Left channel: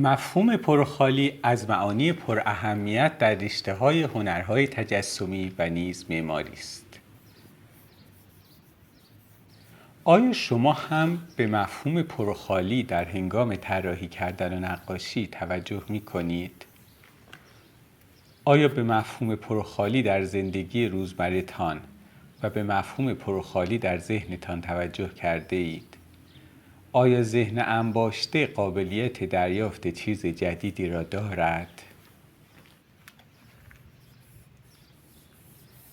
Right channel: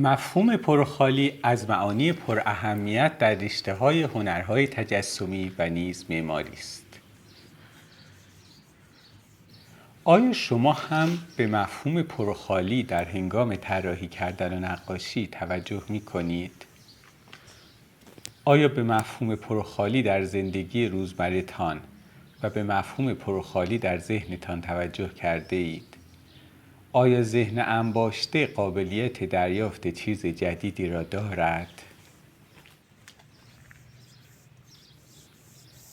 مفهوم پرخالی از معانی پراهمیت در رشته‌های هنرهای تجسمی و نیز معماری است. آیا شما هم به مفهوم پرخالی در هنگام طراحی کردن و نقاشی توجه می‌کنید؟ آیا به مفهوم پرخالی در زندگی روزمره‌تان و به مفهوم پرخالی در ذهنتان توجه کرده اید؟ آیا ذهن انباشته قابلیت دریافت چیز جدیدی را دارد؟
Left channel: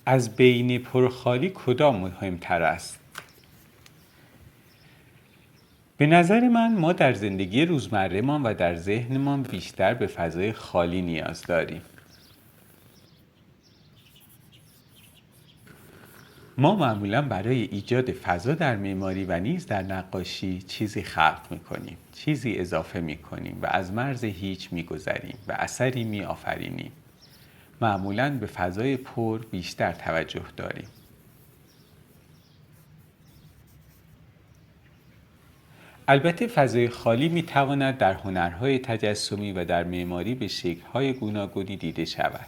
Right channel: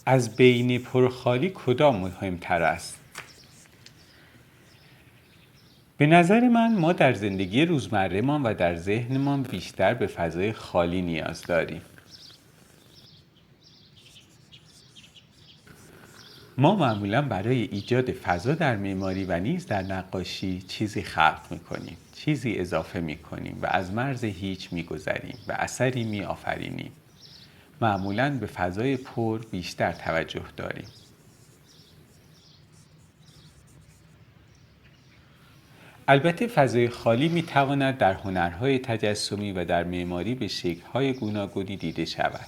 از بین پرخالی کدام مهمتر است؟ به نظر من ما در زندگی روزمره‌مان و در ذهنمان بیشتر به فضای خالی نیاز داریم. ما معمولا برای ایجاد فضا در معماری و نیز در نقاشی چیزی خلق می‌کنیم، چیزی اضافه می‌کنیم و از مرز هیچ می‌گذریم و اثری می‌آفرینیم. معمولا به فضای پر بیشتر توجه داریم. البته فضای خالی می‌تواند در هنرهای تجسمی و در معماری به شکل‌های گوناگونی دیده شود.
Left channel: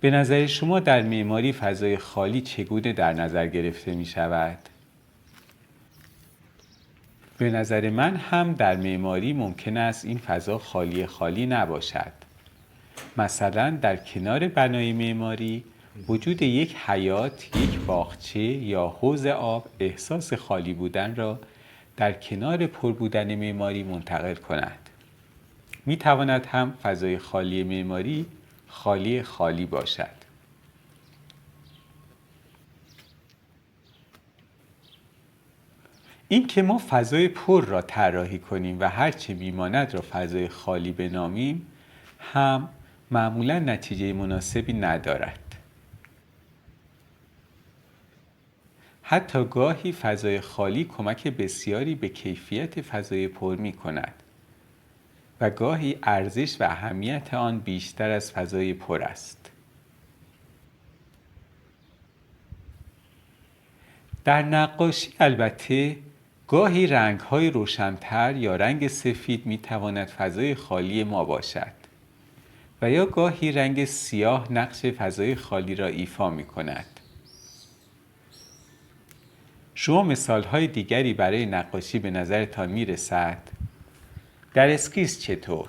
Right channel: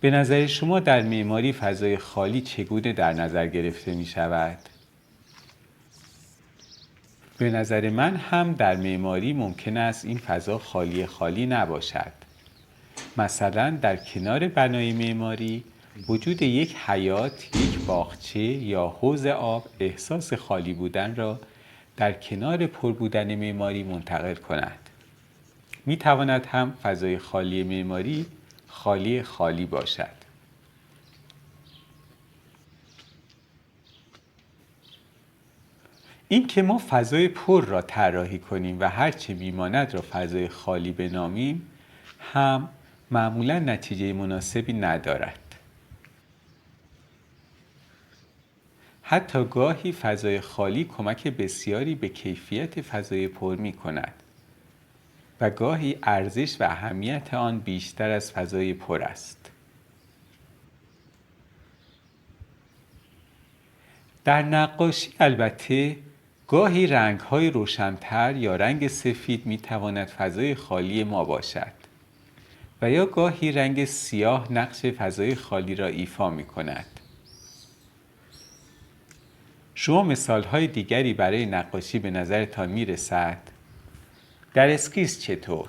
به نظر شما در معماری فضای خالی چگونه در نظر گرفته می شود؟ به نظر من هم در معماری ممکن است این فضا خالی نباشد. مثلا در کنار بنای معماری وجود یک حیاط، یک باغچه یا حوض آب احساس خالی بودن را در کنار پر بودن معماری منتقل کند. می تواند هم فضای خالی معماری خالی باشد. این که ما فضای پر را طراحی کنیم و هرچه میماند را فضای خالی بنامیم هم معمولا نتیجه مناسبی ندارد. حتی گاهی فضای خالی کمک بسیاری به کیفیت فضای پر می کند و گاهی ارزش و اهمیت آن بیشتر از فضای پر است. در نقاشی البته گاهی رنگ‌های روشن‌تر یا رنگ سفید می‌تواند فضای خالی ما باشد و یا گاهی رنگ سیاه نقش فضای خالی را ایفا می‌کند. شما مثال‌های دیگری برای نقاشی به نظرتان می‌رسد؟ در اسکیس چطور؟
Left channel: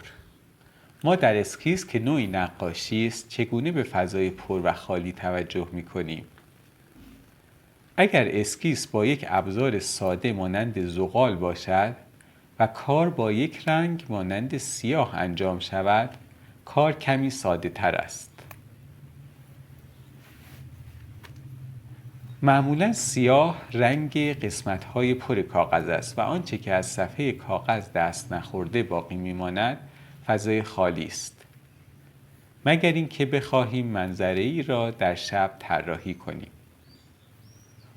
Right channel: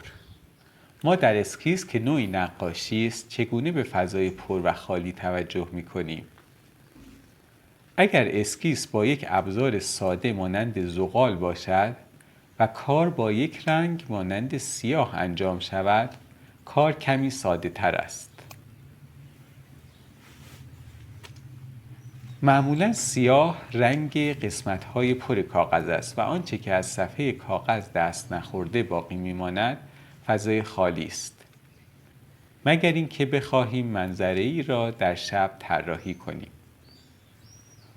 ما در اسکیس که نوعی نقاشی است چگونه به فضای پر و خالی توجه می‌کنیم؟ اگر اسکیس با یک ابزار ساده مانند زغال باشد و کار با یک رنگ مانند سیاه انجام شود، کار کمی ساده تر است. معمولا سیاه رنگ قسمت‌های پر کاغذ است و آنچه که از صفحه کاغذ دست نخورده باقی میماند فضای خالی است. مگر اینکه بخواهیم منظره‌ای را در شب طراحی کنیم.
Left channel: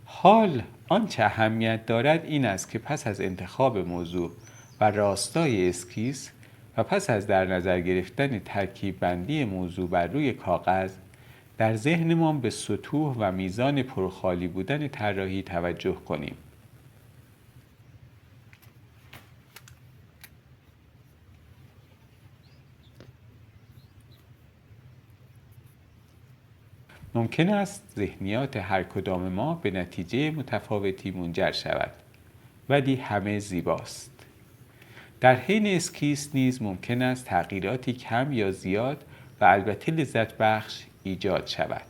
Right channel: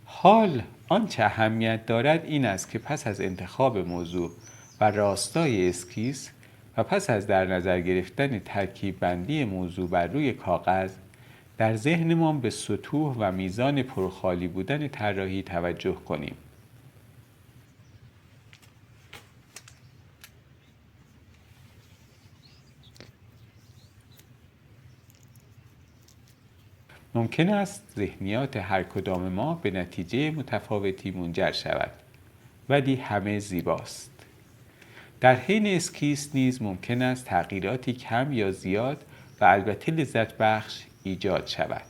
حال آنچه اهمیت دارد این است که پس از انتخاب موضوع و راستای اسکیس و پس از در نظر گرفتن ترکیب بندی موضوع بر روی کاغذ در ذهنمان به سطوح و میزان پرخالی بودن طراحی توجه کنیم. ممکن است ذهنیات هر کدام ما به نتیجه متفاوتی منجر شود، ولی همه زیباست. در حین اسکیس نیز ممکن است تغییراتی کم یا زیاد و البته لذت بخش ایجاد شود.